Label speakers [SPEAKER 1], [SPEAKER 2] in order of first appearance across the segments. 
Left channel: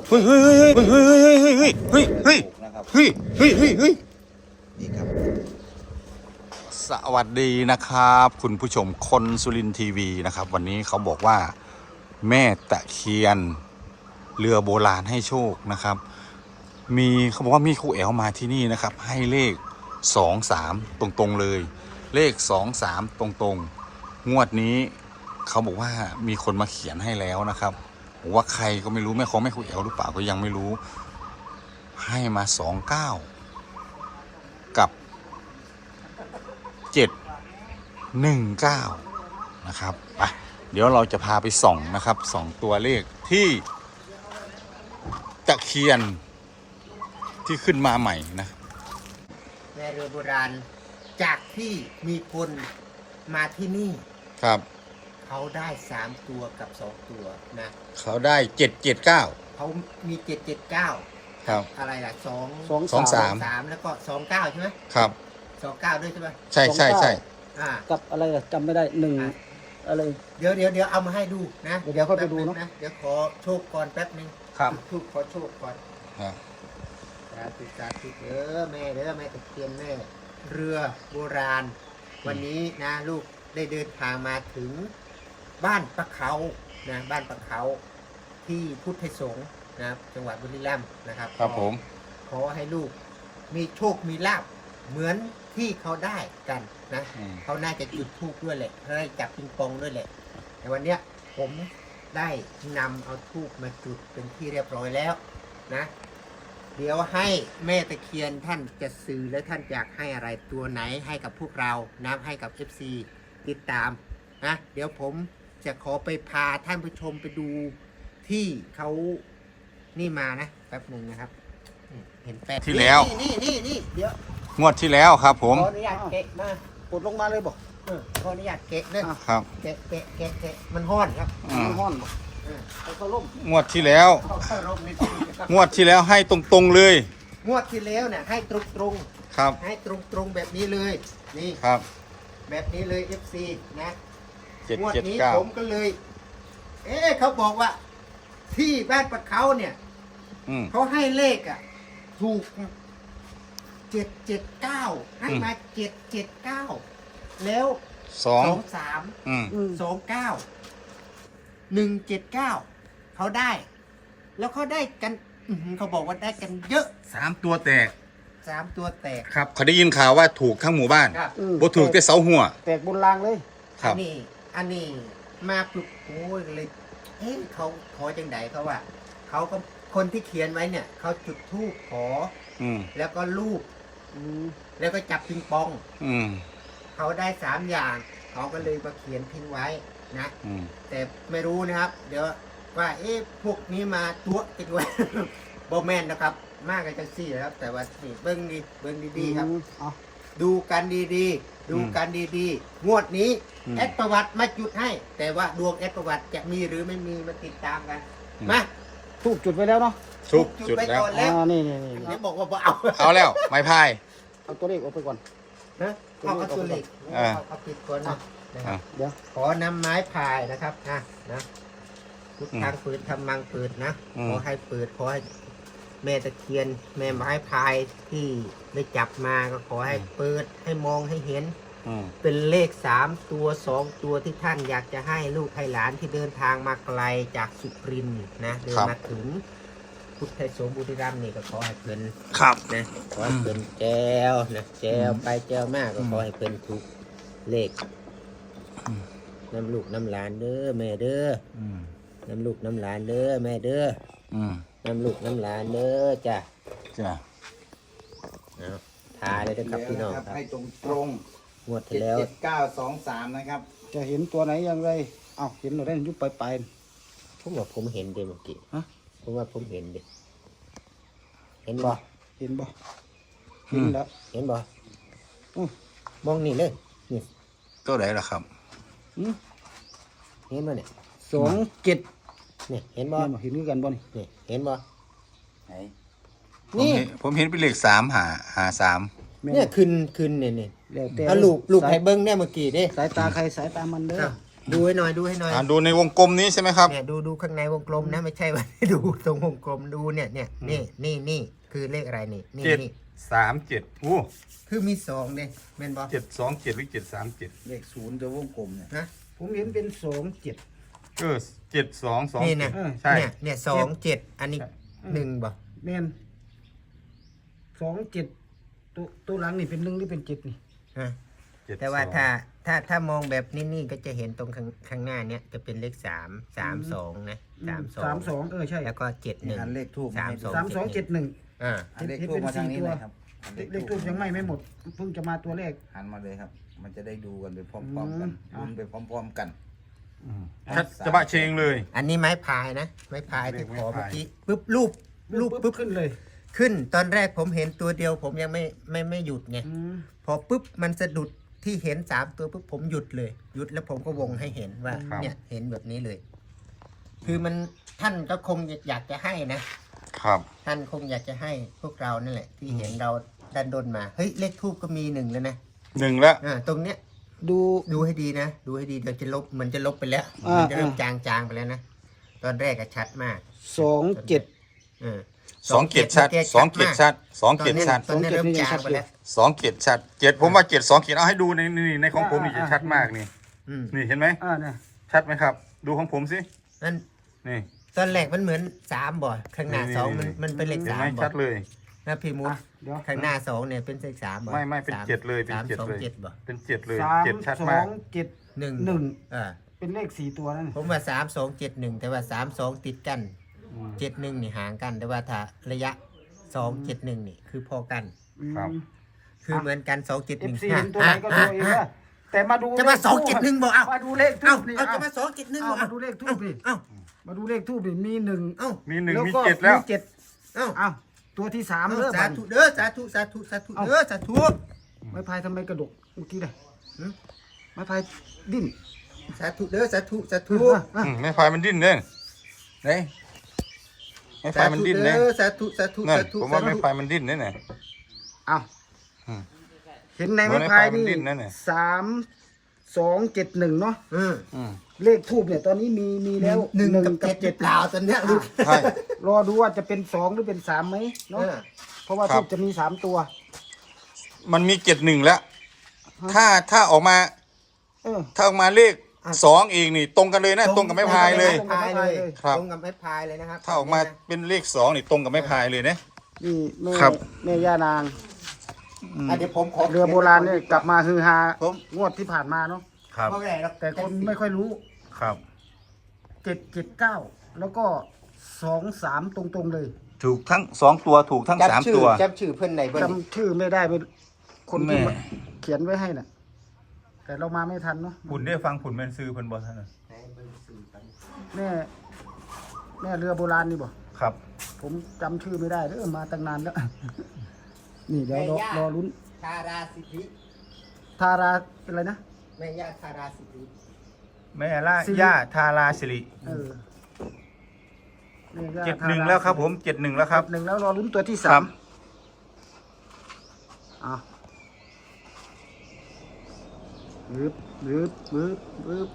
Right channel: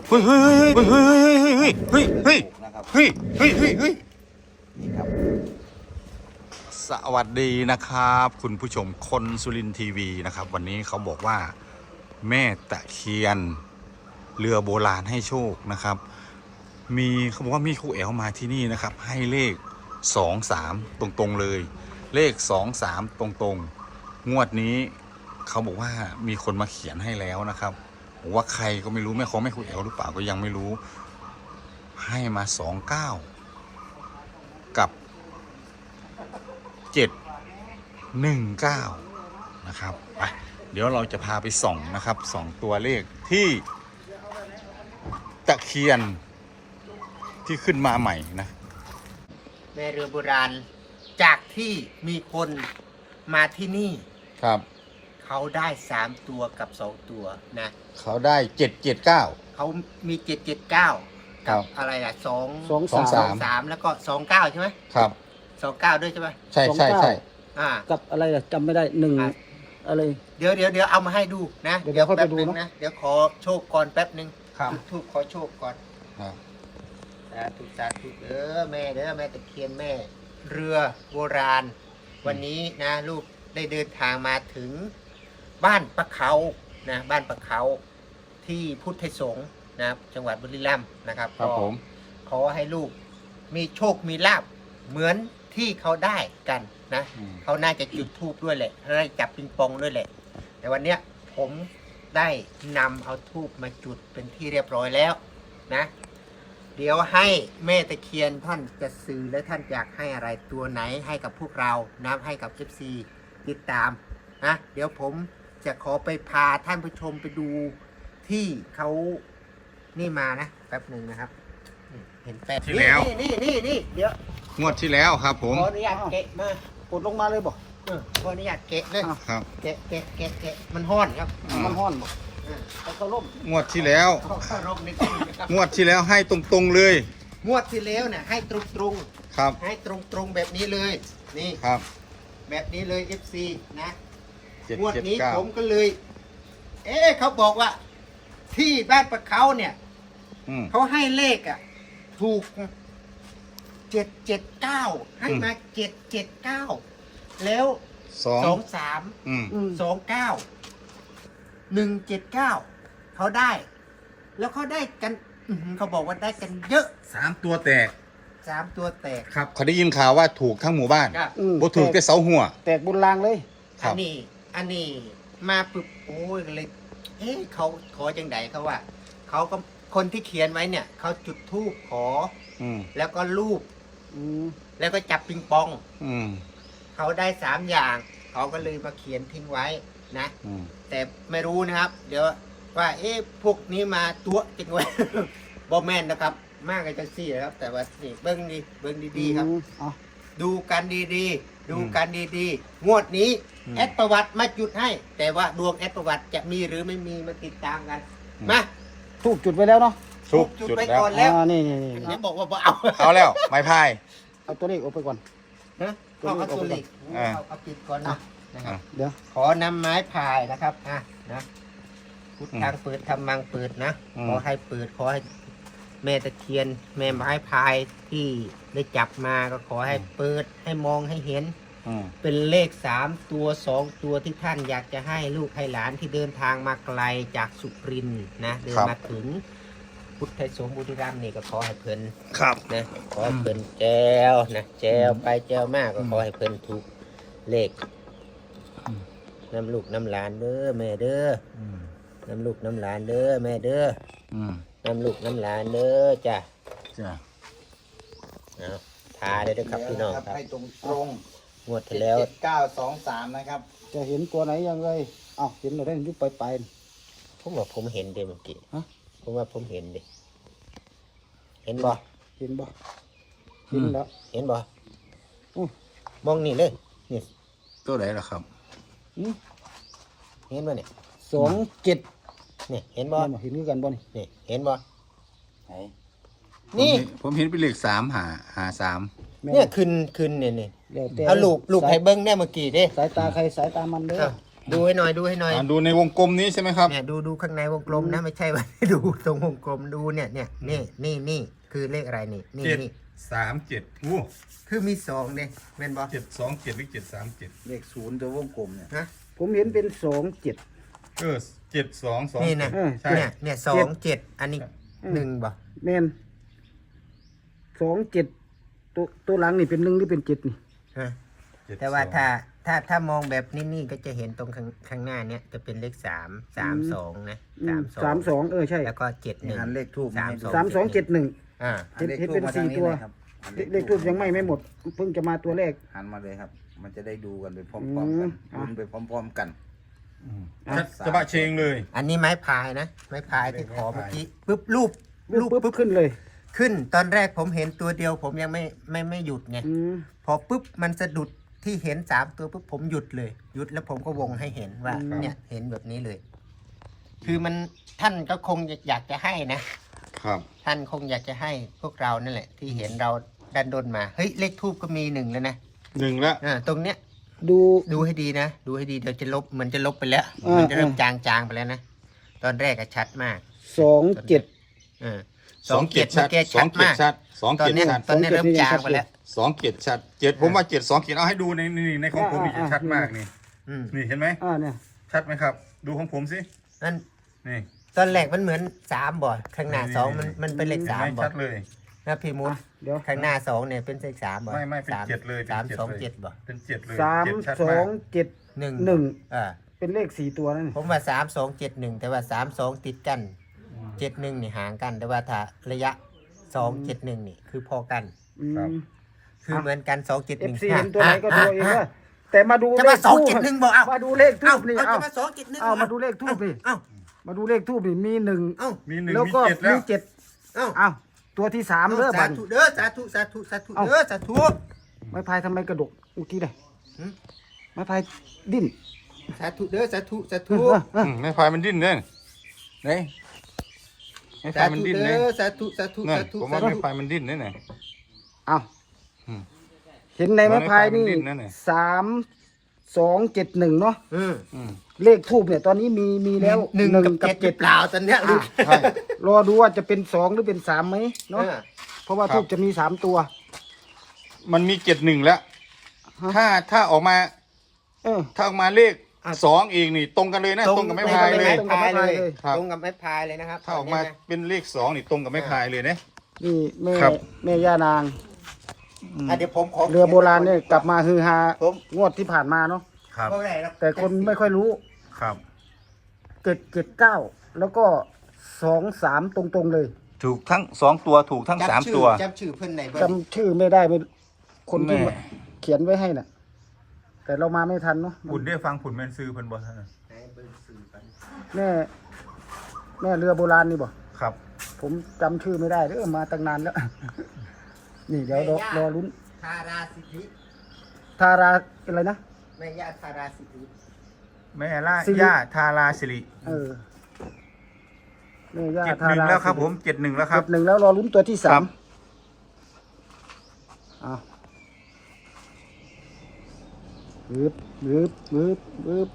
[SPEAKER 1] เฮ้ยเฮ้ยเฮ้ยเฮ้ยเฮ้ยเฮ้ยเฮ้ยเฮ้ยเฮ้ยเฮ้ยเฮ้ยเฮ้ยนี่ครับสวัสดีนะครับคุณผู้ชมคนสุรินทร์ทีวีนะครับวันนี้เขาบอกว่าแม่ตะเคียนเรือโบราณให้โชคนะครับมีเขาบอกว่ามีครูแอลมาที่นี่นะครับให้เลข23ตรงๆเลยเลข23ตรงๆงวดนี้เขาบอกว่ามีคนมาเขียนให้แล้วนะครับบอกว่าใครก็ไม่รู้แม่ของแม่ครูแอลหรือเปล่าก็ยังไม่รู้ให้มา29กับ719นะครับไปเดี๋ยวเราจะพาไปส่องนะครับส่องตัวเลขที่ตะเคียนที่ขึ้นมาใหม่นะ
[SPEAKER 2] แม่เรือโบราณจากที่มีคนมาที่นี่
[SPEAKER 1] ครับ
[SPEAKER 2] เขาได้3ตัวกับ2ตัวนะ
[SPEAKER 1] เขาได้779
[SPEAKER 2] เขามี779
[SPEAKER 1] ครับ
[SPEAKER 2] อะไรล่ะ
[SPEAKER 1] 23
[SPEAKER 2] แล้วก็29ใช่ไหม
[SPEAKER 1] ครับ
[SPEAKER 2] 29ด้วยใช่ไหม
[SPEAKER 1] ใช่ใช่ใช่
[SPEAKER 3] กับอะไรอะจำไม่ได้อะไร
[SPEAKER 2] เดี๋ยวเอามาให้ดูนะเดี๋ยวแป๊บนึง
[SPEAKER 3] เดี๋ยว
[SPEAKER 2] นะเดี๋ยวขอโชคก่อนแป๊บนึง
[SPEAKER 1] ครับ
[SPEAKER 2] จุดธูปขอโชคก่อนสาธุเด้อแม่ตะเคียนแม่เรือโบราณวันนี้นะลูกได้เดินทางมาถึงบ้านปะเขานะบ้านปะเขาที่พุทธสงฆ์นะครับจังหวัดบุรีรัมย์นะครับ
[SPEAKER 1] ครับผม
[SPEAKER 2] ขอให้ลูกมีโชคมีลาภเหมือนที่เขาได้กันนะเขาน่าจะจุดธูปด้วยแหละเขาน่าจะจับปิงปองด้วยแหละแต่วันเนี้ยผมได้นำเอาธูปมาจุดเป็นที่เรียบร้อยแล้วนะเดี๋ยวให้แม่ตะเคียนท่านจะสื่อและท่านอยากให้อะไรตัวไหนให้กับพวกเรานะให้กับ FC ติดตามนะเดี๋ยวผมจะขอไปพาท่านผู้ชมไปดูที่เขานี่มานะแป๊บหนึ่งนะครับเห็นแป๊บ
[SPEAKER 1] ที่แล้ว
[SPEAKER 2] นี่เดี๋ยว
[SPEAKER 1] งวดที่แล้วครับผม
[SPEAKER 2] ขออนุญาตเกะมาก
[SPEAKER 3] ดลงมาเลยบอก
[SPEAKER 2] ขออนุญาตเกะเลย
[SPEAKER 1] ครับ
[SPEAKER 2] เกะมันห้อนครับ
[SPEAKER 3] ห้อน
[SPEAKER 1] งวดที่แล้ว
[SPEAKER 2] เข้าร่มนิดนึงครับ
[SPEAKER 1] งวดที่แล้วให้ตรงๆเลย
[SPEAKER 2] งวดที่แล้วเนี่ยให้ตรง
[SPEAKER 1] ครับ
[SPEAKER 2] ให้ตรงแบบนี้เลยนี่
[SPEAKER 1] ครับ
[SPEAKER 2] แบบนี้เลย FC นะงวดนี้ผม
[SPEAKER 1] 779
[SPEAKER 2] ก็เลยเขาบอกว่าที่บ้านปะเขาเนี่ยเขาให้เลขอ่ะถูก779ให้มา779แล้ว23 29 179เขาได้แล้วเขาได้กันเขาบอกว่าได้กันเยอะ
[SPEAKER 1] 3ตัวแตก
[SPEAKER 2] 3ตัวแตก
[SPEAKER 1] ครับเขาได้ยินข่าวว่าถูกทั้งหมู่บ้านบ่ถูกแต่เสาหัว
[SPEAKER 3] แตกบุญลางเลย
[SPEAKER 2] อันนี้มาปุ๊บโอ้ยเลยเขาขอจังไดเขาว่าเขาก็คนที่เขียนไว้เนี่ยเขาจุดธูปขอแล้วก็รูปแล้วก็จับปิงปองเขาได้3อย่างเขาก็เลยมาเขียนทิ้งไว้นะแต่ไม่รู้นะครับเดี๋ยวว่าพวกนี้มาตัวจริงไว้บอแมนนะครับมากกันจังซี่นะครับแต่ว่านี่เบิ้งดีๆครับดูกันดีๆดูกันดีๆงวดนี้แอดประวัติมาจุดให้แต่ว่าดวงแอดประวัติจะมีหรือไม่มีมาติดตามกันมา
[SPEAKER 3] ทูบจุดไปแล้วเนาะ
[SPEAKER 1] ทูบจุด
[SPEAKER 2] ไปก่อนแล้ว
[SPEAKER 3] นี่
[SPEAKER 2] บอกว่า
[SPEAKER 1] เอาแล้วไม้พาย
[SPEAKER 3] เอาตัวเลขออกไปก่อน
[SPEAKER 2] นะเอาตัวเลขเอาปิดก่อนเนาะนะครับเดี๋ยวขอนำไม้พายนะครับนะพุทธังเปิดธรรมังเปิดนะขอให้เปิดขอให้แม่ตะเคียนแม่ไม้พายที่ได้จับมาก็ขอให้เปิดให้มองให้เห็นเป็นเลข3ตัว2ตัวที่ท่านอยากจะให้ลูกให้หลานที่เดินทางมาไกลจากสุรินทร์นะเดินมาถึงพุทธสงฆ์บุรีรัมย์นี่ก็ขอให้เพิ่นนะขอให้เพิ่นแจวนะแจวไปแจวมากก็ขอให้เพิ่นถูกเลขน้ำลูกน้ำหลานเด้อแม่เด้อน้ำลูกน้ำหลานเด้อแม่เด้อน้ำลูกน้ำหลานเด้อจ้ะพาได้ด้วยครับพี่น้องครับ
[SPEAKER 4] ให้ตรง
[SPEAKER 2] งวดที่แล้ว
[SPEAKER 4] 7923นะครับ
[SPEAKER 3] จะเห็นตัวไหนยังไงเห็นเราได้ยุบไป
[SPEAKER 2] ผมว่าผมเห็นเดี๋ยวเมื่อกี้ผมว่าผมเห็นดิเห็นบ่
[SPEAKER 3] เห็นแล้ว
[SPEAKER 2] เห็นบ่มองนี่เลยนี่
[SPEAKER 1] ตัวไหนล่ะครับ
[SPEAKER 2] เห็นบ่เนี่ย
[SPEAKER 3] 27
[SPEAKER 2] นี่เห็นบ่
[SPEAKER 3] เห็นกันบ่
[SPEAKER 2] นี่เห็นบ่
[SPEAKER 1] นี่ผมเห็นเป็นเลข3
[SPEAKER 2] เนี่ยขึ้นเนี่ยเอาลูกให้เบิ้งเนี่ยเมื่อกี้ดิ
[SPEAKER 3] สายตาใครสายตามันเด้อ
[SPEAKER 2] ดูให้หน่อยดูให้หน่อย
[SPEAKER 1] ดูในวงกลมนี้ใช่ไหมครับ
[SPEAKER 2] เนี่ยดูข้างในวงกลมนะไม่ใช่ว่า ดูตรงวงกลมดูเนี่ยนี่คือเลขอะไรนี่นี่
[SPEAKER 1] 7
[SPEAKER 2] นี่
[SPEAKER 1] 3 7อู้
[SPEAKER 2] คือมีสองเนี่ยแม่นบอก
[SPEAKER 1] 7 2 7หรือ7 3 7
[SPEAKER 3] เลขศูนย์ตัววงกลมเนี่ย
[SPEAKER 2] นะ
[SPEAKER 3] ผมเห็นเป็น27
[SPEAKER 1] 7 2 2
[SPEAKER 2] นี่นะ
[SPEAKER 1] ใช่
[SPEAKER 2] เนี่ย27อันนี้1บ่
[SPEAKER 3] แม่น27ตัวหลังนี่เป็น1หรือเป็น7นี่
[SPEAKER 2] ฮะ
[SPEAKER 1] 7
[SPEAKER 2] แต่ว่าถ้ามองแบบนี่ก็จะเห็นตรงข้างหน้าเนี่ยจะเป็นเลข3 32นะ32
[SPEAKER 3] 32ใช่
[SPEAKER 2] แล้วก็71
[SPEAKER 4] เลขทูบ
[SPEAKER 3] 3271
[SPEAKER 2] อ่า
[SPEAKER 3] เห็นเป็น4ตัวเลขทูบยังไม่หมดเพิ่งจะมาตัวแรก
[SPEAKER 4] หันมาเลยครับ มันจะได้ดูกันไปพร้อมๆกันลุ้นไปพร้อมๆกัน
[SPEAKER 1] จะบะเชงเลย
[SPEAKER 2] อันนี้ไม้พายนะไม้พายที่ขอเมื่อกี้ปุ๊บรูป
[SPEAKER 3] ปุ๊บขึ้นเลย
[SPEAKER 2] ขึ้นตอนแรกผมเห็นตัวเดียวผมยังไม่หยุดไง
[SPEAKER 3] อืม
[SPEAKER 2] พอปุ๊บมันสะดุดที่เห็น3ตัวปุ๊บผมหยุดเลยหยุดแล้วผมก็วงให้เห็นว่าเนี่ยเห็นแบบนี้เลย คือมันท่านก็คงอยากจะให้นะครับ ท่านคงอยากจะให้พวกเรานั่นแหละ ที่เห็นเราดันดนมาเฮ้ยเลขทูบก็มี1แล้วนะ
[SPEAKER 1] 1แล้ว
[SPEAKER 2] ตรงเนี้ย
[SPEAKER 3] ดู
[SPEAKER 2] ให้ดีนะดูให้ดีเดี๋ยวจะลบมันจะลบไปแล้ว
[SPEAKER 3] อ่ามั
[SPEAKER 2] มันจะเริ่มจางไปแล้วนะตอนแรกก็ชัดมาก
[SPEAKER 3] 27
[SPEAKER 2] เออ
[SPEAKER 1] 2 เกียรติชัด2 เกียรติชัด2 เกียรติชัด
[SPEAKER 2] ตอนนี้เริ่มจางไปแล้ว
[SPEAKER 1] 2 เกียรติชัด7ผมว่า7 2 เกียรติเอาให้ดูในของผมนี่จะชัดมากนี่
[SPEAKER 2] อืม
[SPEAKER 1] นี่เห็นไหม
[SPEAKER 3] เนี่ย
[SPEAKER 1] ชัดไหมครับ ดูของผมสิ
[SPEAKER 2] นั่น
[SPEAKER 1] นี่
[SPEAKER 2] ตอนแรกมันเหมือน3บ่อข้างหน้า2มันเป็นเลข
[SPEAKER 1] เห็นไหม
[SPEAKER 2] 3บ่อ
[SPEAKER 1] ชัดเลย
[SPEAKER 2] นะพี่มุด
[SPEAKER 3] เดี๋ยว
[SPEAKER 2] ข้างหน้า2เนี่ยเป็นเลข3บ่อ
[SPEAKER 1] ไม่เป็น7เลยเป็น7
[SPEAKER 2] 3 2
[SPEAKER 1] เลย
[SPEAKER 2] 7บ่อ
[SPEAKER 1] เป็น7เลย
[SPEAKER 3] 3
[SPEAKER 1] 7ชัด
[SPEAKER 3] 2
[SPEAKER 1] มาก
[SPEAKER 3] 7
[SPEAKER 2] 1
[SPEAKER 3] 1
[SPEAKER 2] อ่า
[SPEAKER 3] เป็นเลข4ตัวนั่น
[SPEAKER 2] ผมว่า3 2 7 1แต่ว่า3 2ติดกัน7 1นี่ห่างกันแต่ว่าถ้าระยะ2 7 1นี่คือพอกัน
[SPEAKER 1] ครับ
[SPEAKER 2] คือเหมือนกัน2 7 1
[SPEAKER 3] FC เห็นตัวไหนก็ดูเองว่าแต่มาดู
[SPEAKER 2] จะมา
[SPEAKER 3] เลขทูบ
[SPEAKER 2] 2 7 1บ่เอา
[SPEAKER 3] มาดูเลขทู
[SPEAKER 2] เอ้า
[SPEAKER 3] บนี่
[SPEAKER 2] เอา
[SPEAKER 3] เอา
[SPEAKER 2] จะมา2 7 1
[SPEAKER 3] เอามาดูเลขทูบนี่
[SPEAKER 2] เอ้า
[SPEAKER 3] มาดูเลขทูบนี่มี1
[SPEAKER 2] เอ้า
[SPEAKER 1] มี1
[SPEAKER 3] แล้ว
[SPEAKER 1] มี
[SPEAKER 3] ก็
[SPEAKER 1] 7แล้ว
[SPEAKER 3] มี7
[SPEAKER 2] เอ้า
[SPEAKER 3] อ้าวตัวที่3เด้อ
[SPEAKER 2] สา
[SPEAKER 3] บัด
[SPEAKER 2] ธุเด้อสาธุเด้อสาธุ
[SPEAKER 3] ไม้พายทำไมกระดกเมื่อกี้เลย
[SPEAKER 2] หืม
[SPEAKER 3] ไม้พายดิ้น
[SPEAKER 2] สาธุเด้อสาธุสาธุ
[SPEAKER 1] ไม่ไฟมันดิ้นเลยเนี่ยไม่ไฟมันดิ้นเลย
[SPEAKER 2] สาธุสาธุ
[SPEAKER 1] นั่น
[SPEAKER 2] สาธุ
[SPEAKER 1] ผมว่าไม่ไฟมันดิ้นเลยเนี่ย
[SPEAKER 3] อ้าว
[SPEAKER 1] อืม
[SPEAKER 3] เห็นในไม้พาย
[SPEAKER 1] ไม้พายมัน
[SPEAKER 3] นี่
[SPEAKER 1] ดิ้นนะเนี่ย
[SPEAKER 3] 3271เนาะ
[SPEAKER 2] อืม
[SPEAKER 3] เลขทูบเนี่ยตอนนี้มีแล้ว
[SPEAKER 2] 1 กับ
[SPEAKER 3] 7
[SPEAKER 2] 7เปล่าตอนเนี้ยลูก
[SPEAKER 1] ใช่
[SPEAKER 3] รอดูว่าจะเป็น2หรือเป็น3ไหมเนาะเพราะว่า
[SPEAKER 1] ครั
[SPEAKER 3] ทู
[SPEAKER 1] บ
[SPEAKER 3] บจะมี3ตัว
[SPEAKER 1] มันมี7 1แล้ว ถ้าออกมา
[SPEAKER 3] เออ
[SPEAKER 1] ถ้าออกมาเลข2อีกนี่ตรงกันเลยนะตรงกับไม้พายเลย
[SPEAKER 2] ตรงกับไม้พายเลย
[SPEAKER 1] ครับ
[SPEAKER 2] ตรงกับไม้พายเลยนะครับ
[SPEAKER 1] ถ้าออกมาเป็นเลข2นี่ตรงกับไม้พายเลยเนี่ย
[SPEAKER 3] นี่แม่
[SPEAKER 1] ครับ
[SPEAKER 3] แม่ย่านาง
[SPEAKER 2] เดี๋ยวผมขอ
[SPEAKER 3] เรือโบราณเนี่ยกลับมาฮือฮา
[SPEAKER 2] ผม
[SPEAKER 3] งวดที่ผ่านมาเนาะ
[SPEAKER 1] ครับ
[SPEAKER 2] เพราะอะไรหรอก
[SPEAKER 3] แต่คนไม่ค่อยรู้
[SPEAKER 1] ครับ
[SPEAKER 3] 779แล้วก็23ตรงๆเลย
[SPEAKER 1] ถูกทั้ง2ตัวถูกทั้ง3ตัว
[SPEAKER 2] จำชื่อเพื่อนไหนเบิ้ล
[SPEAKER 3] จำชื่อไม่ได้ไม่คนที่
[SPEAKER 1] แม่
[SPEAKER 3] เขียนไว้ให้น่ะ แต่เรามาไม่ทันเนาะ
[SPEAKER 1] ผุนได้ฟังผุนแมนซื้อเพิ่นบ่ท่านน่ะ
[SPEAKER 3] แม่แม่เรือโบราณนี่บ่
[SPEAKER 1] ครับ
[SPEAKER 3] ผมจำชื่อไม่ได้มาตั้งนานแล้ว นี่เดี๋ยวรอลุ้น
[SPEAKER 2] ทาราสิทธิ
[SPEAKER 3] ทาราอะไรนะ
[SPEAKER 2] แม่ย่าทาราสิทธิ
[SPEAKER 1] แม่ล่า
[SPEAKER 3] สิริ
[SPEAKER 1] ย่าทาราสิริ
[SPEAKER 3] เออแม่ย่า
[SPEAKER 1] 71แล้วครับผม71แล้วครับ
[SPEAKER 3] 1แล้วรอลุ้นตัวที่
[SPEAKER 1] ครั
[SPEAKER 3] 3
[SPEAKER 1] บ
[SPEAKER 3] อ้าวบึบ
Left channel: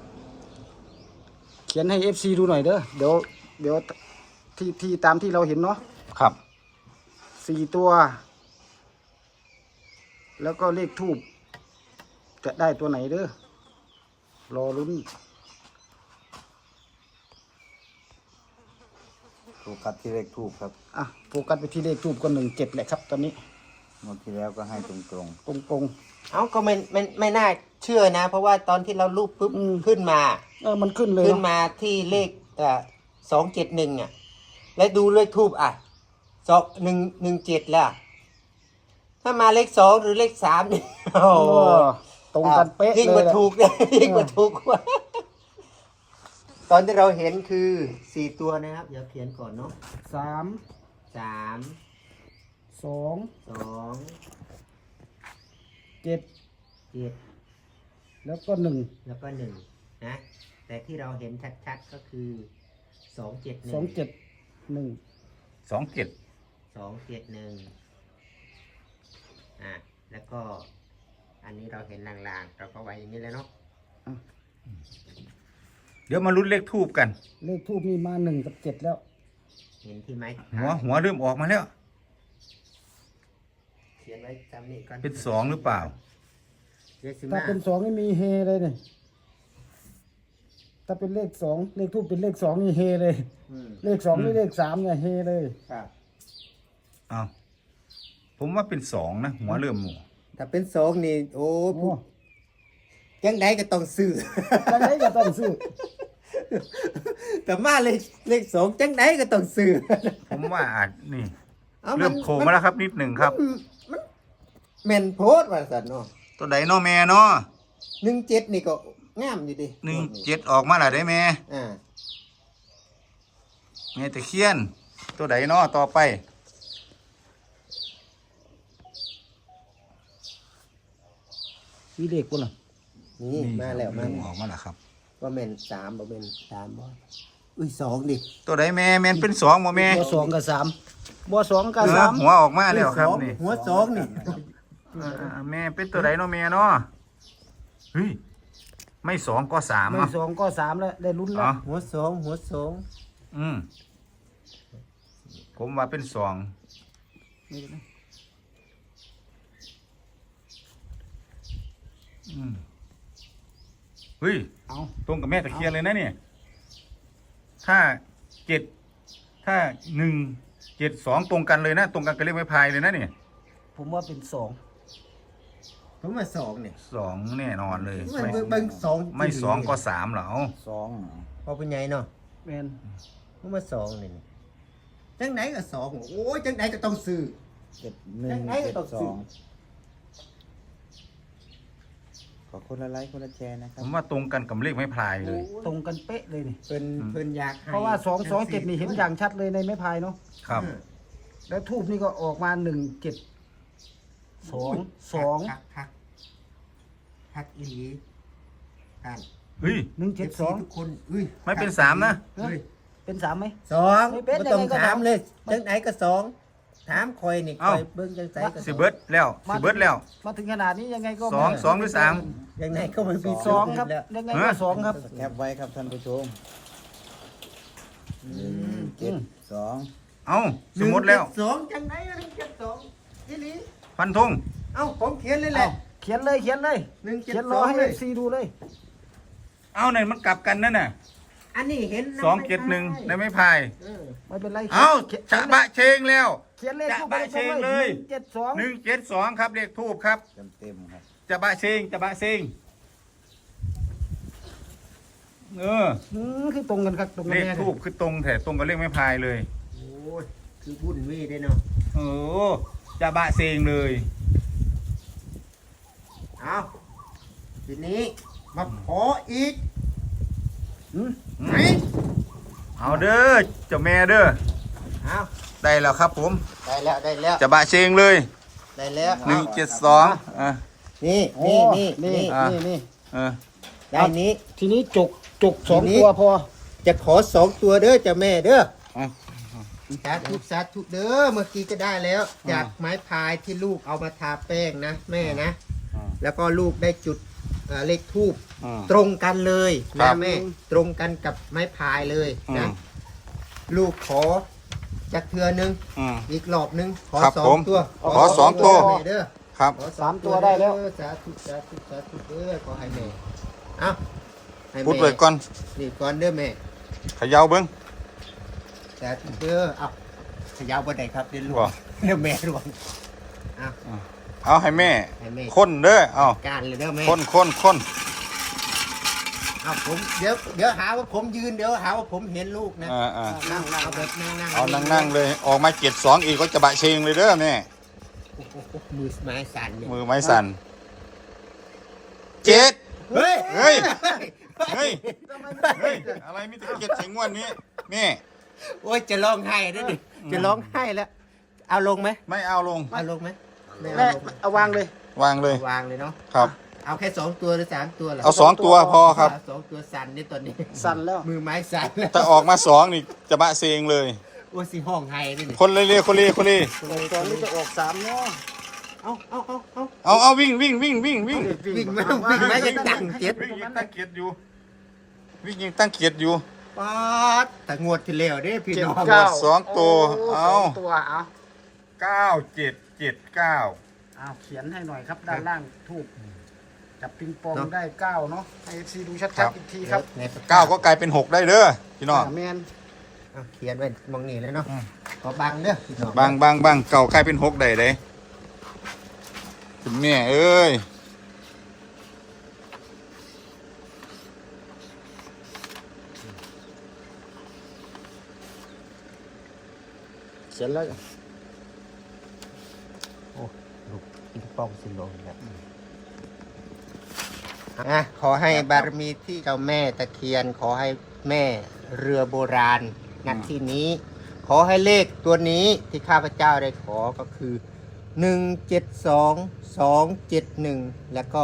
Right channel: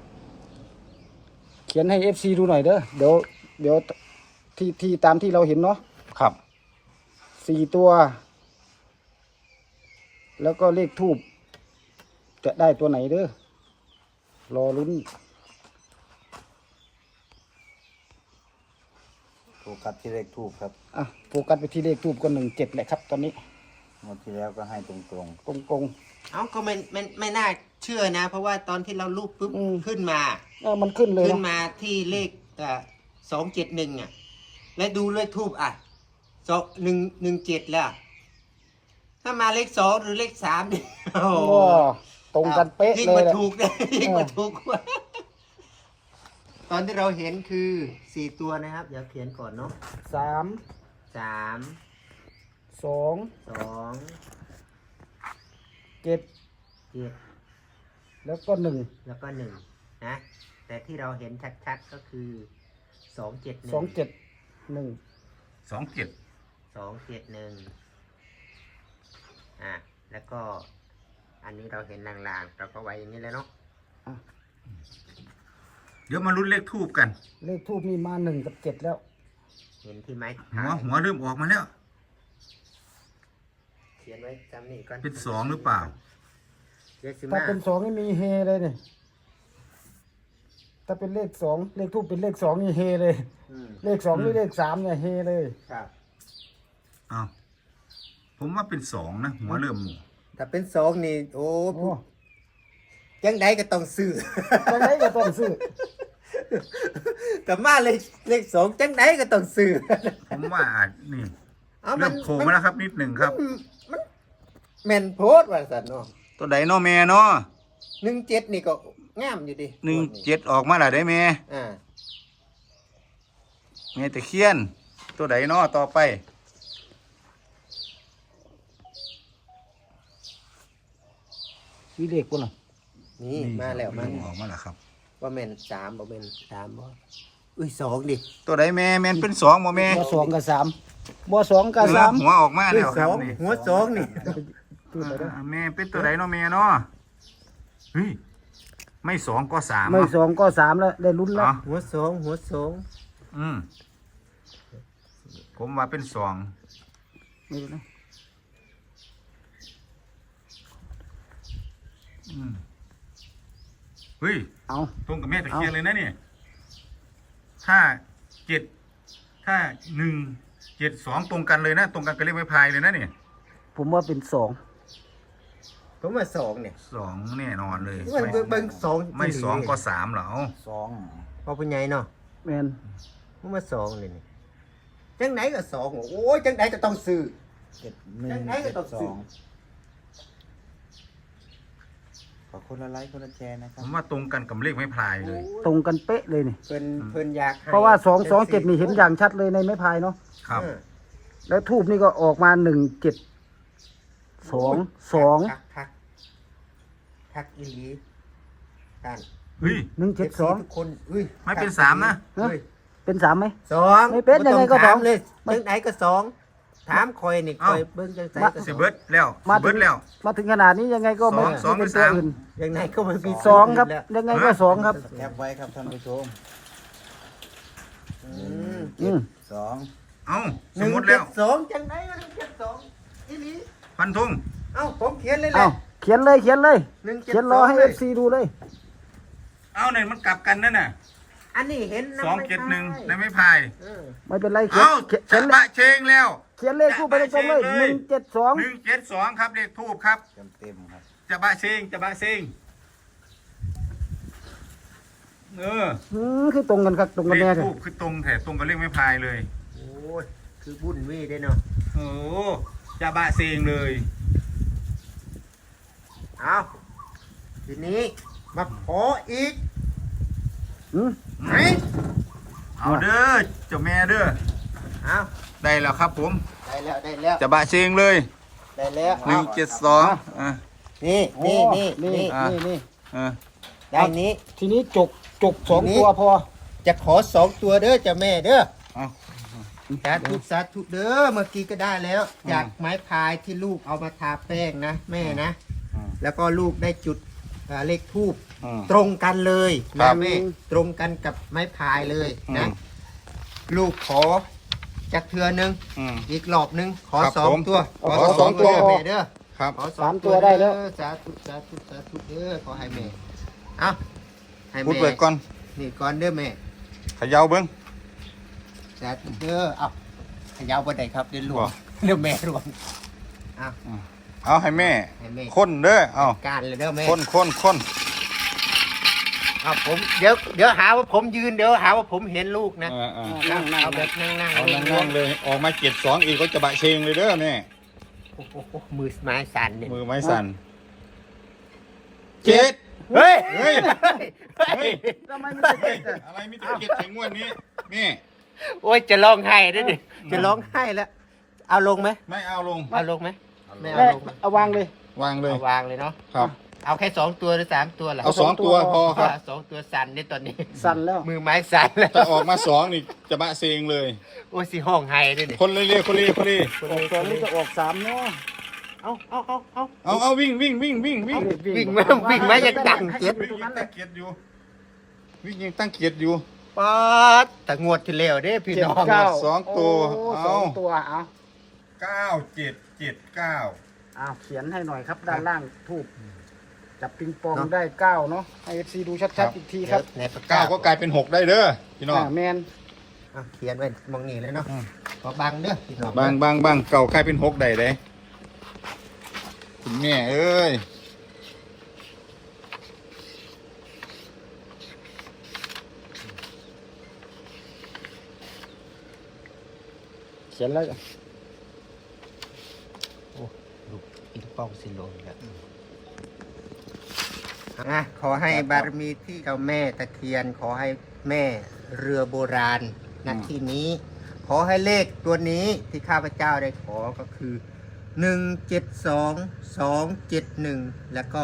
[SPEAKER 3] เขียนให้ FC ดูหน่อยเด้อเดี๋ยวที่ตามที่เราเห็นเนาะ
[SPEAKER 1] ครับ
[SPEAKER 3] 4 ตัว แล้วก็เลขทูบจะได้ตัวไหนเด้อรอลุ้น
[SPEAKER 4] โฟกัสที่เลขทูบครับ
[SPEAKER 3] อ่ะโฟกัสไปที่เลขทูบก็17แหละครับตอนนี้
[SPEAKER 4] งวดที่แล้วก็ให้ตรง
[SPEAKER 3] ตรง
[SPEAKER 2] เอ้าก็ไม่น่าเชื่อนะ เพราะว่าตอนที่เรารูปปุ๊บ
[SPEAKER 3] อืม
[SPEAKER 2] ขึ้นมา
[SPEAKER 3] ๆมันขึ้นเลย
[SPEAKER 2] ขึ้น
[SPEAKER 3] เนาะ
[SPEAKER 2] มาที่เลข271อ่ะแล้วดูเลขทูบอ่ะ117แล้ว ถ้ามาเลข2หรือเลข3เนี่ยโอ้
[SPEAKER 3] โอ้
[SPEAKER 2] โห
[SPEAKER 3] ตรงกันเป๊ะ
[SPEAKER 2] ยิ่ง
[SPEAKER 3] เล
[SPEAKER 2] กว่าย
[SPEAKER 3] แหละ
[SPEAKER 2] ถูกเลยยิ่งกว่าถูกกว่าตอนที่เราเห็นคือ4ตัวนะครับเดี๋ยวเขียนก่อนเนาะ
[SPEAKER 3] 3
[SPEAKER 2] 3
[SPEAKER 3] 2
[SPEAKER 2] 2
[SPEAKER 3] 7
[SPEAKER 2] 7
[SPEAKER 3] แล้วก็1
[SPEAKER 2] แล้วก็1นะแต่ที่เราเห็นชัดๆก็คือ271
[SPEAKER 3] 2 7 1
[SPEAKER 1] 27
[SPEAKER 2] 271แล้วก็อันนี้เราเห็นลางๆเราก็ไว้อย่างนี้เลยเนาะ
[SPEAKER 1] เดี๋ยวมาลุ้นเลขทูบกัน
[SPEAKER 3] เลขทูบนี่มา1 กับ 7แล้ว
[SPEAKER 2] เห็นที่ไหม
[SPEAKER 1] หัวเริ่มออกมาแล้ว
[SPEAKER 2] เขียนไว้จำนี่ก่อน
[SPEAKER 1] เป็นสองหรือเปล่า
[SPEAKER 2] เดี๋ยวสิ
[SPEAKER 3] ถ้า
[SPEAKER 2] มา
[SPEAKER 3] เป็น2นี่มีเฮเลยเนี่ยถ้าเป็นเลข2เลขทูบเป็นเลข2นี่เฮเลย
[SPEAKER 2] อืม
[SPEAKER 3] เลข2นี่เลข3เนี่ยเฮเลย
[SPEAKER 2] ครับ
[SPEAKER 1] อ้าวผมว่าเป็นสองนะหัวเริ่มหมู
[SPEAKER 2] ถ้าเป็นสองนี่โอ้
[SPEAKER 3] โอ้
[SPEAKER 2] จังไดก็ต้องซื้อ
[SPEAKER 3] จังไดก็ต้องซื้อ
[SPEAKER 2] แต่มาเลขสองจังไดก็ต้องซื้อ
[SPEAKER 1] ผมว่าอาจนี่
[SPEAKER 2] เอา
[SPEAKER 1] เริ่มโผล่มาแล้วครับนิดหนึ่งครับ
[SPEAKER 2] มันแม่นโพดว่าสันเนาะ
[SPEAKER 1] ตัวใดเนาะแม่เนาะ
[SPEAKER 2] 17นี่ก็งามอยู่ดิ
[SPEAKER 1] 17ออกมาแล้วได้แม่
[SPEAKER 2] อ่า
[SPEAKER 1] แม่ตะเคียน ตัวใดเนาะต่อไป
[SPEAKER 3] มีเด็กบ่ล่ะ
[SPEAKER 2] นี่มาแล้วมา
[SPEAKER 1] เริ่ม
[SPEAKER 2] แล้ว
[SPEAKER 1] ออกมาแล้วครับ
[SPEAKER 2] ว่าแม่น3บ่แม่น3บ่อุ้ย2ดิ
[SPEAKER 1] ตัวใดแม่แม่นเป็นสองบ่แม่
[SPEAKER 3] บ่2กับ3บ่2กับ
[SPEAKER 1] หัวออกมาแล้วครับนี่
[SPEAKER 2] หัวสองนี่
[SPEAKER 1] แม่เป็นตัวใดเนาะแม่เนาะเฮ้ยไม่สองก็สาม
[SPEAKER 3] 3ไม่
[SPEAKER 1] เนาะ
[SPEAKER 3] 2ก็3แล้วได้ลุ้นแล้ว
[SPEAKER 1] อ๋อ
[SPEAKER 2] หัวสองหัวสอง
[SPEAKER 1] ผมว่าเป็นสองเฮ้ย
[SPEAKER 3] เอา
[SPEAKER 1] ตรงกับแม่ตะเคียนเลยนะเนี่ยถ้าถ้า1 7 2ตรงกันเลยนะ ตรงกันกับเลขไม้พายเลยนะเนี่ย
[SPEAKER 3] ผมว่าเป็น2
[SPEAKER 2] ผมว่า2เนี่ย
[SPEAKER 1] สองแน่นอนเลย
[SPEAKER 2] เบิ่งสอง
[SPEAKER 1] ไม่สองก็สามเหรอ
[SPEAKER 2] พอเป็นไงเนาะ
[SPEAKER 3] แม่น
[SPEAKER 2] ผมว่า2เลยนี่จังไหนก็2โอ้ยจังไหนก็ต้องซื้อ จังไหนก็ต้องซื้อ
[SPEAKER 4] ขอคนละไลค์คนละแชร์นะค
[SPEAKER 1] ผ
[SPEAKER 4] รับ
[SPEAKER 1] มว่าตรงกันกับเลขไม้พายเลย
[SPEAKER 3] ตรงกันเป๊ะเลยนี่
[SPEAKER 2] เพิ่นอยากให้
[SPEAKER 3] เพราะว่า227นี่เห็นอย่างชัดเลยในไม้พายเนาะ
[SPEAKER 1] ครับ
[SPEAKER 3] แล้วทูบนี่ก็ออกมา1 7 2
[SPEAKER 2] คักอีหลีอ่าน
[SPEAKER 1] เฮ้ย
[SPEAKER 2] เจ็บ
[SPEAKER 3] 2
[SPEAKER 2] ทุก
[SPEAKER 3] 1
[SPEAKER 2] คนอุ้ย
[SPEAKER 1] ไม่เป็นสามนะ
[SPEAKER 2] เฮ้ย
[SPEAKER 3] 7เป็น3ไหม
[SPEAKER 2] 2
[SPEAKER 3] ไม่เป็น
[SPEAKER 2] บ่ต้อง
[SPEAKER 3] ยังไงก็
[SPEAKER 2] ถาม
[SPEAKER 3] 2
[SPEAKER 2] เลยจังไหนก็2ถามคอยนี่คอยเบิ่งจังไสก็
[SPEAKER 1] สิเบิร์ดแล้วสิเบิร์ดแล้ว
[SPEAKER 3] มาถึงขนาดนี้ยังไงก็
[SPEAKER 1] สอง
[SPEAKER 3] ไม่
[SPEAKER 1] สองหรือสาม
[SPEAKER 2] ยังไงก็มันมี
[SPEAKER 3] สองครับ
[SPEAKER 2] แล้ว
[SPEAKER 3] ยังไงก็2ครับ
[SPEAKER 4] แคปไว้ครับท่านผู้ชม 1 7 2
[SPEAKER 1] เอ้าสมมติแล้ว
[SPEAKER 2] 172จังไหนก็172อีหลี
[SPEAKER 1] ฟันธง
[SPEAKER 2] เอ้าผมเขียนเลยแห
[SPEAKER 3] เอา
[SPEAKER 2] ละ
[SPEAKER 3] เขียนเลยเขียนเลย
[SPEAKER 2] 172
[SPEAKER 3] เขียนรอให้
[SPEAKER 2] เลย
[SPEAKER 3] FC ดูเลย
[SPEAKER 1] เอาเนี่ยมันกลับกันนั่นน่ะ
[SPEAKER 2] อันนี้เห็นนะ
[SPEAKER 1] 271ในไม้พาย
[SPEAKER 2] เออ
[SPEAKER 3] ไม่เป็นไร
[SPEAKER 1] เอ้า
[SPEAKER 3] เขียน
[SPEAKER 1] จะบะเชงแล้ว
[SPEAKER 3] เขียนเลขทูบไปตรงเลย
[SPEAKER 1] จะบะเชงเลย
[SPEAKER 3] 172
[SPEAKER 1] 172ครับเลขทูบครับ
[SPEAKER 4] เต็มครับ
[SPEAKER 1] จะบะเชงจะบะเชง
[SPEAKER 3] คือตรงกันครับตรงกัน
[SPEAKER 1] เล
[SPEAKER 3] แน่
[SPEAKER 1] ข
[SPEAKER 3] ครับ
[SPEAKER 1] ทูบคือตรงแต่ตรงกับเลขไม้พายเลย
[SPEAKER 2] โอ้ยคือบุญเว่ได้เนาะ
[SPEAKER 1] เออจะบะเชงเลย
[SPEAKER 2] เอาทีนี้มาขออีก
[SPEAKER 3] อืม
[SPEAKER 1] เอาเด้อเจ้าแม่เด้อ
[SPEAKER 2] เอา
[SPEAKER 1] ได้แล้วครับผม
[SPEAKER 2] ได้แล้วได้แล้ว
[SPEAKER 1] จะบะเชงเลย
[SPEAKER 2] ได้แล้ว
[SPEAKER 1] 172อ่ะ
[SPEAKER 2] นี่
[SPEAKER 3] โอ้
[SPEAKER 2] นี่
[SPEAKER 3] นี่นี่
[SPEAKER 1] เออ
[SPEAKER 2] ได้นี้
[SPEAKER 3] ทีนี้จก2 ตัวพอ
[SPEAKER 2] จะขอ2ตัวเด้อเจ้าแม่เด้อ
[SPEAKER 1] เอา
[SPEAKER 2] สาธุเด้อเมื่อกี้ก็ได้แล้ว จากไม้พายที่ลูกเอามาทาแป้งนะแม่นะ แล้วก็ลูกได้จุดเลขทูบ
[SPEAKER 1] อืม
[SPEAKER 2] ตรงกันเลย
[SPEAKER 1] ครั
[SPEAKER 2] นะ
[SPEAKER 1] บ
[SPEAKER 2] แม่ตรงกันกับไม้พายเลยนะ
[SPEAKER 1] อืม
[SPEAKER 2] ลูกขอจากเทือนึง
[SPEAKER 1] อืม
[SPEAKER 2] อีกรอบนึงขอ
[SPEAKER 1] ครับ
[SPEAKER 2] สอ
[SPEAKER 1] ผ
[SPEAKER 2] ง
[SPEAKER 1] ม
[SPEAKER 2] ตัว
[SPEAKER 1] ขอสองตัว
[SPEAKER 2] แม่เด้อ
[SPEAKER 1] ครับ
[SPEAKER 2] ขอสามตัวได้แล้วสาธุสาธุสาธุเด้อขอให้แม่เอาให้
[SPEAKER 1] พูด
[SPEAKER 2] แม่
[SPEAKER 1] ไปก่อน
[SPEAKER 2] นี่ก่อนเด้อแม่
[SPEAKER 1] เขย่าเบิ้ง
[SPEAKER 2] สาธุเด้อเอาขยาวบ่ได้ครับเดี๋ยวหลว
[SPEAKER 1] บ่
[SPEAKER 2] งเดี๋ยวแม่หลวงเอา
[SPEAKER 1] เอาให้แม่
[SPEAKER 2] ให้แม่
[SPEAKER 1] คนเด้อเอา
[SPEAKER 2] การเลยเด้อแม่
[SPEAKER 1] คน
[SPEAKER 2] เอาผมเดี๋ยวหาว่าผมยืนเดี๋ยวหาว่าผมเห็นลูกนะ
[SPEAKER 1] อ่า
[SPEAKER 2] เอาแบบนั่งๆ
[SPEAKER 1] เอานั่งๆเลย ออกมา72อีกก็จะบะเชงเลยเด้อแม่
[SPEAKER 2] โอ้โหมือไม้สั่นเนี่ย
[SPEAKER 1] มือไม้สั่น7
[SPEAKER 2] เฮ้ย
[SPEAKER 1] เฮ้ย เฮ้ย เฮ้ย อะไรมีแต่7ถึงวันนี้แม่
[SPEAKER 2] โอ้ยจะร้องไห้ด้วยดิจะร้องไห้แล้ว เอาลงไหม
[SPEAKER 1] ไม่เอาลง
[SPEAKER 2] เอาลงไหมไม่เอา
[SPEAKER 3] แม่
[SPEAKER 2] ลง
[SPEAKER 3] เอาวางเลย
[SPEAKER 1] วางเลย
[SPEAKER 2] เอาวางเลยเนาะ
[SPEAKER 1] ครับ
[SPEAKER 2] เอาแค่2ตัวหรือ3ตัวล่ะ
[SPEAKER 1] เอา2ตัวพอครับ
[SPEAKER 2] เอา2ตัวสั่นนี่ตอนนี้
[SPEAKER 3] สั่นแล้ว
[SPEAKER 2] มือไม้สั่นแล้ว
[SPEAKER 1] ถ้าออกมา2นี่จะบะเชงเลย
[SPEAKER 2] โอ้ยสิห้องไห้ด้วยดิ
[SPEAKER 1] คนเลย
[SPEAKER 3] ตอนนี้จะออก3เนาะ
[SPEAKER 2] เอา
[SPEAKER 1] เอาวิ่ง
[SPEAKER 2] วิ่งไหมยังดังเจ็บ
[SPEAKER 1] วิ่งยังตะเกียบอยู่วิ่งยิงตั้งเกียรติอยู่
[SPEAKER 2] ป๊าดแต่งวดที่แล้วเด้พี่น้อง
[SPEAKER 1] งวดสองตัว
[SPEAKER 3] โ
[SPEAKER 1] เอา
[SPEAKER 3] สองตัวเอา
[SPEAKER 1] 9779
[SPEAKER 3] เอาเขียนให้หน่อยครับ ด้านล่างทูบจับปิงปองได้9เนาะให้ FC ดูชัดๆอีกทีครับ
[SPEAKER 2] ในปาก
[SPEAKER 1] 9ก็กลายเป็น6ได้เด้อพี่น้อง
[SPEAKER 3] แมน
[SPEAKER 2] อ่ะเขียนไว้มองนี่เลยเนาะขอบังเด้อพี่น้อง
[SPEAKER 1] บางเก่ากลายเป็น6ได้เด้คุณแม่เอ้ย
[SPEAKER 3] เขียนแล้ว
[SPEAKER 2] ลูกปิงปองสิโลนแล้วอ่ะขอให้บารมีที่เจ้าแม่ตะเคียน ขอให้แม่เรือโบราณณที่นี้ ขอให้เลขตัวนี้ที่ข้าพเจ้าได้ขอก็คือ 172271 แล้วก็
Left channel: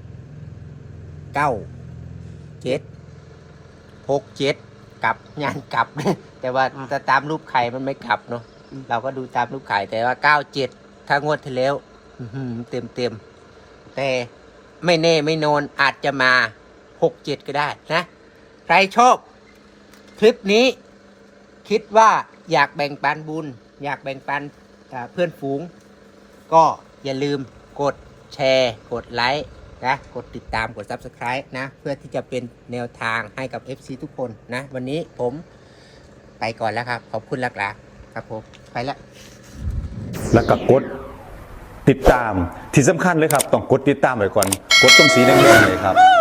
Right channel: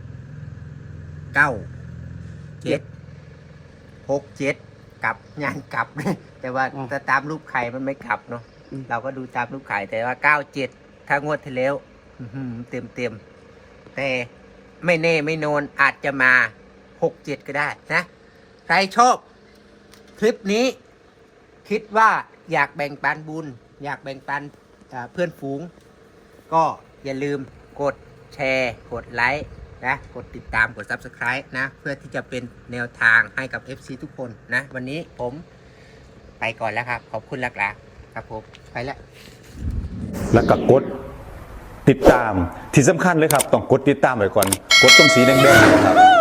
[SPEAKER 2] 9767 กลับงานกลับ แต่ว่าจะตามรูปไข่มันไม่กลับเนาะเราก็ดูตามรูปไข่แต่ว่า 97 ถ้างวดที่แล้วเต็มแต่ไม่แน่ไม่นอนอาจจะมา 67 ก็ได้นะ ใครชอบคลิปนี้ คิดว่าอยากแบ่งปันบุญ อยากแบ่งปันเพื่อนฝูง ก็อย่าลืมกดแชร์ กดไลค์นะกดติดตามกด Subscribe นะ เพื่อที่จะเป็นแนวทางให้กับ FC ทุกคนนะ วันนี้ผมไปก่อนแล้วครับ ขอบคุณลักหลาครับผม ไปแล้ว
[SPEAKER 5] แล้วก็กดติดตามที่สำคัญเลยครับ ต้องกดติดตามไว้ก่อน กดตรงสีแดงๆเนี่ยครับ